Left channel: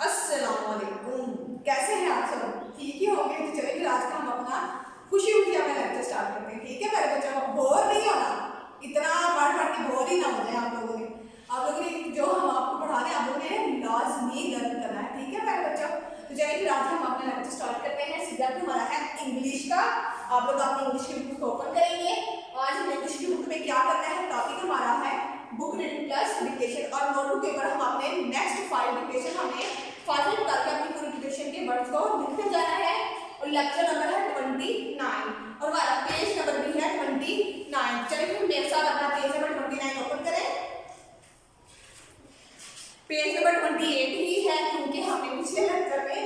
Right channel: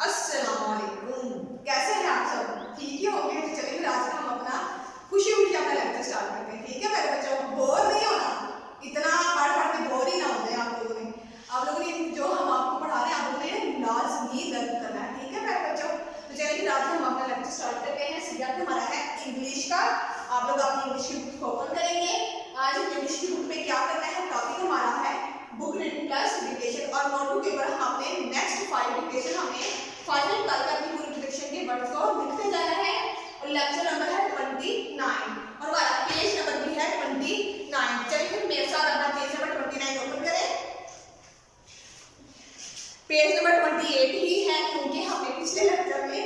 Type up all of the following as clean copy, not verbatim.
अस्सलामुअलैकुम। कैसे हैं आप सब? ठीक ही होंगे। तो चलिए फिर आज का हम अपना खुशी खुशी अपना लेक्चर स्टार्ट करते हैं। ठीक है मेरे बच्चों, बोर नहीं होना, इतना पढ़ पढ़ के बोर ही ना हो जाए आप लोगों ने जो हम आपको पढ़ा रहे हैं आप लोगों ने लाजमी लर्न करना है। ठीक है मेरे बच्चों, तो चलिए फिर आज हम अपना लेक्चर स्टार्ट करते हैं। सब्जेक्ट हमारा है इंग्लिश का। आप लोग अपनी इंग्लिश की बुक ओपन करेंगे। आज इंग्लिश की बुक में क्या करना है, टॉपिक हमारा है बुक रीडिंग प्लस डिक्टेशन, और नोटबुक पेपर हमने नेक्स्ट 5 डिक्टेशन हमें फाइनल करके अपनी पूरी डिक्टेशन के वर्ड्स को लिखते जाना है। और लेक्चर नंबर है 29 और हमारा पेज नंबर भी है 29। चलिए फिर मेरे साथ अपना पेज नंबर 29 ओपन करें। पेज नंबर 28 ही है क्योंकि हमने पिछले लेक्चर में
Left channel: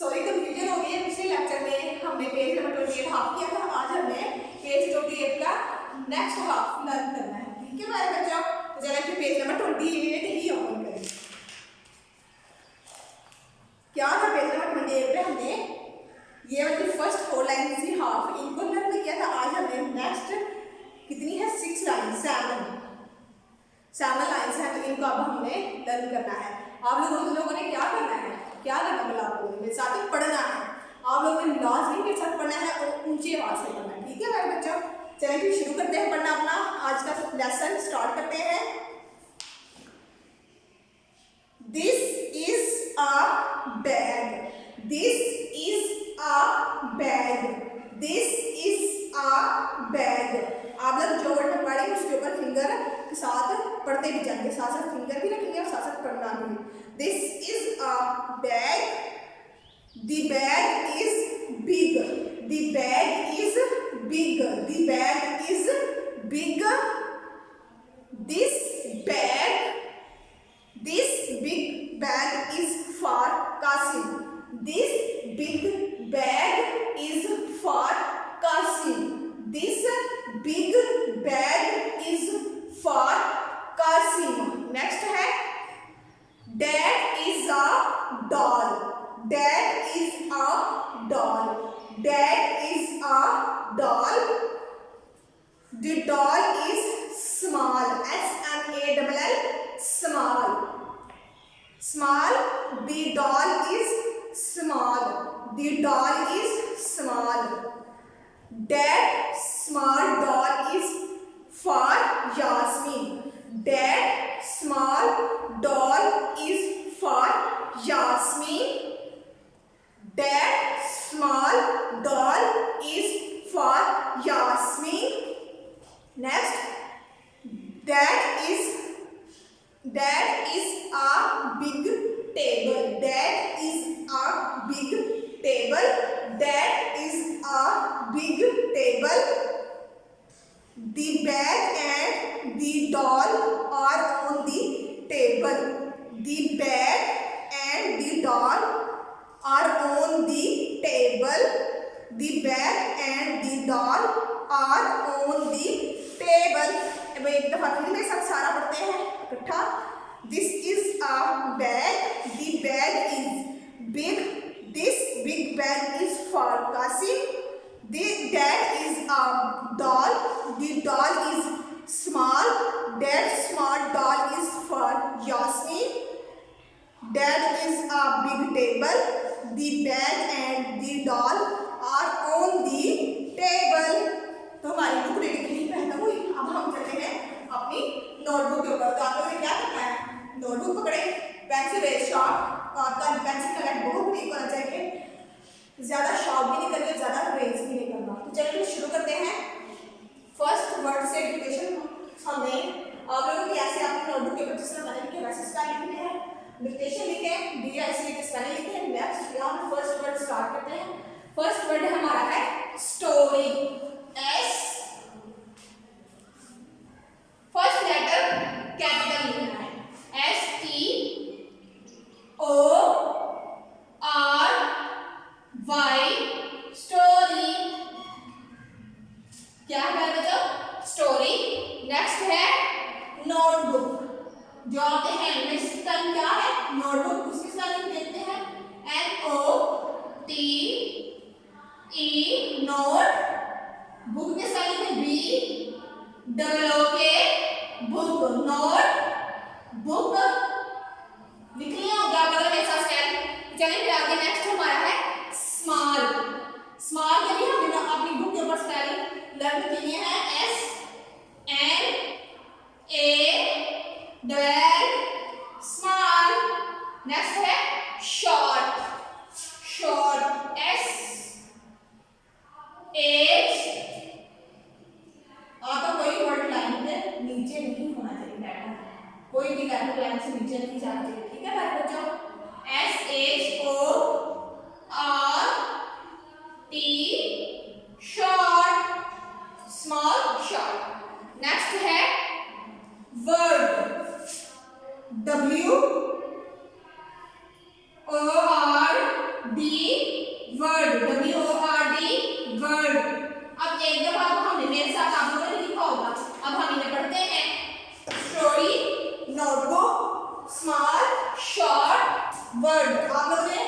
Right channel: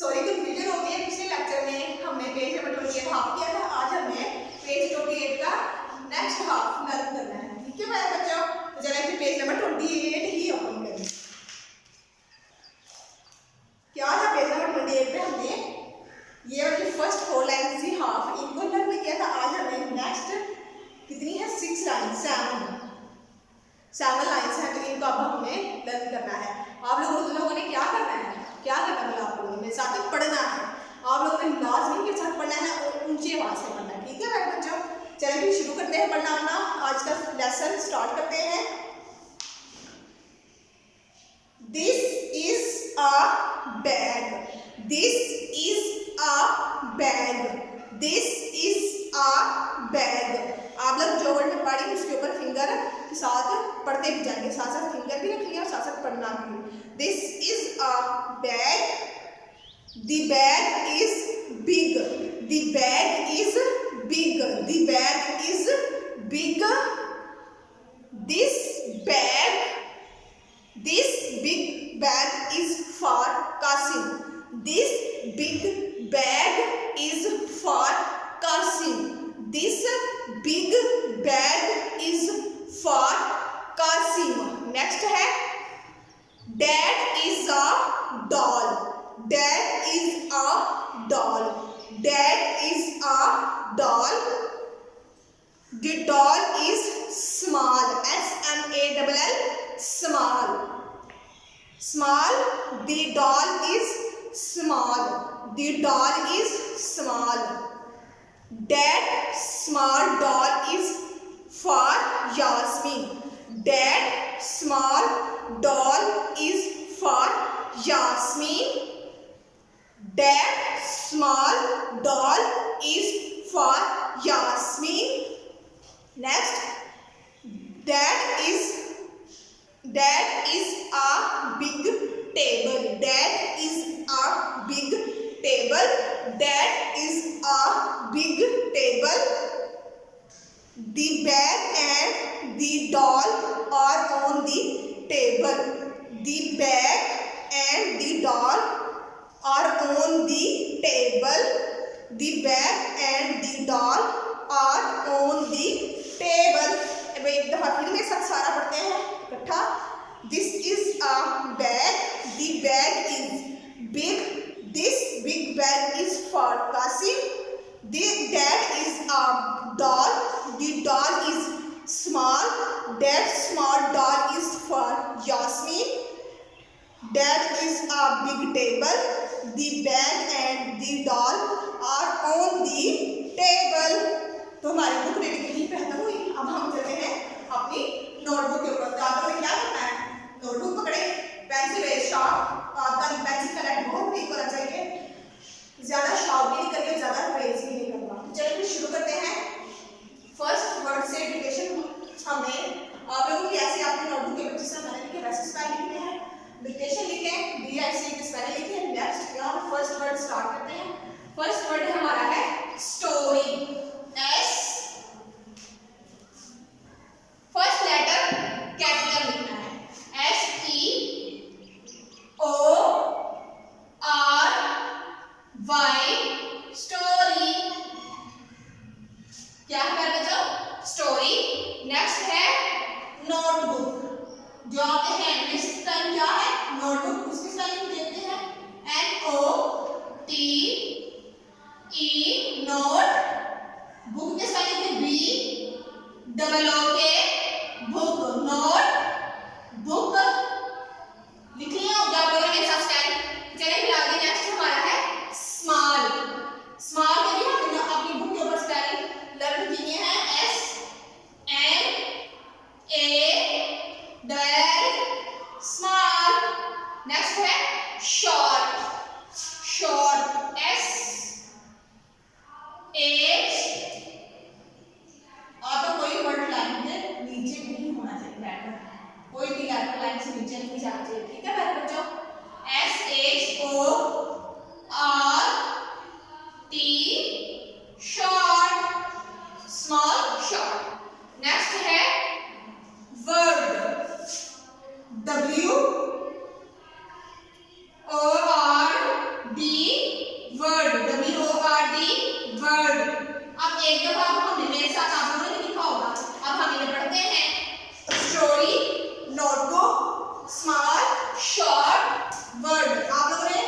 कंफ्यूजन हो गई है। पिछले लेक्चर में हमने पेज नंबर 28 हाफ किया था, आज हमने पेज 28 का नेक्स्ट हाफ लर्न करना है। ठीक है मेरे बच्चों, तो चलिए फिर पेज नंबर 28 ही ओपन करें। क्या था पेज नंबर 28 पे हमने ये वाली फर्स्ट 4 लाइन थी हाफ, इनको लर्न किया था। आज हमने नेक्स्ट कितनी है 6 लाइन 7 लाइन्स हैं, तो इनको अब हमने लर्न करना है। आप लोगों ने क्या करना है, बोला आप लोगों ने मेरे साथ पढ़ना है। आप लोगों ने लाजमी के साथ पढ़ना है और ऊंची आवाज से पढ़ना है। ठीक है मेरे बच्चों, चलिए फिर शुरू करते हैं पढ़ना अपना आज का लेसन स्टार्ट करते हैं। This is a bag, this is a bag, this is a bag. आप लोग जो वर्ड में पढ़ी उसके ऊपर फिंगर के साथ पढ़ते भी जाएंगे, साथ साथ फिंगर भी रखेंगे और साथ साथ पढ़ना भी। This is a bag, the bag is big, the bag is big, the bag is big, this big bag is for Kasim, this big bag is for Kasim, this big bag is for Kasim। Next है Dad is a doll, Dad is a doll, Dad is a doll, the doll is small, S-M-A-L-L, small, small, the doll is small, the doll is small, Dad small doll is for Yasmin, Dad small doll is for Yasmin, Dad small doll is for Yasmin। Next, Dad is a big table, Dad is a big table, Dad is a big table, the bag and the doll are on the table, the bag and the doll are on the table, the bag and the doll are on the table। एक दफा फिर मेरे साथ सारा पढ़ते हैं इकट्ठा। This is a bag, the bag is big, this big bag is for Kasim, the dad is a doll, the doll is small, that small doll is for Yasmin, dad is a big table, the bag and the doll are on the table। तो हमारी book reading यही खत्म हुई। अब हम चलते हैं अपनी नोटबुक के ऊपर। तो आप लोगों ने क्या करना है, नोटबुक पकड़े, पेंसिल शार्प, आपका पेंसिल का लेड बहुत ठीक होना चाहिए, ज्यादा शार्प भी नहीं करनी, ज्यादा रेज भी नहीं करना। तो चलिए शुरू करते हैं। फर्स्ट वर्ड से डिक्टेशन हमने आप लोगों की ऐसे आपकी नोटबुक के ऊपर जिस तरह मैंने लिखे वैसे स्पेल लिखने हैं, डिक्टेशन लिखे, डी आई सी स्पेल लिखे। नेक्स्ट यहाँ पे फर्स्ट वर्ड स्टार्ट करते हैं। फर्स्ट वर्ड हमारा है story, S, first letter capital लिखना है, STORY, स्टोरी। क्या है बच्चों, स्टोरी। नेक्स्ट है नोटबुक, जो आपके हैंड में स्पेलिंग क्या है नोटबुक, उसकी स्पेलिंग देखते हैं, NOTE, नोट, बुक के स्पेलिंग में BOOK, बुक, नोट बुक लिख लिया होगा आप लोगों ने मेरे साथ स्टाइल। चलिए फिर आगे नेक्स्ट हमारा है स्मॉल। स्मॉल के लिए हमने अपनी बुक के ऊपर स्पेलिंग लर्न किए हैं SMALL स्मॉल। नेक्स्ट है शॉर्ट। Short SH। आप तो कोई वर्ड लाइन के नीचे नहीं होना चाहिए, लेटर कोई भी लेटर लाइन से नीचे नहीं जाना चाहिए, ठीक है प्यारे बच्चों। SHORT short, small short. Next है word. WORD word. WORD word. अब एक दफा हमने मेरे साथ आप लोगों ने लिखा होगा, अब हम ये पढ़ते हैं story, notebook, small short word. आप लोगों ने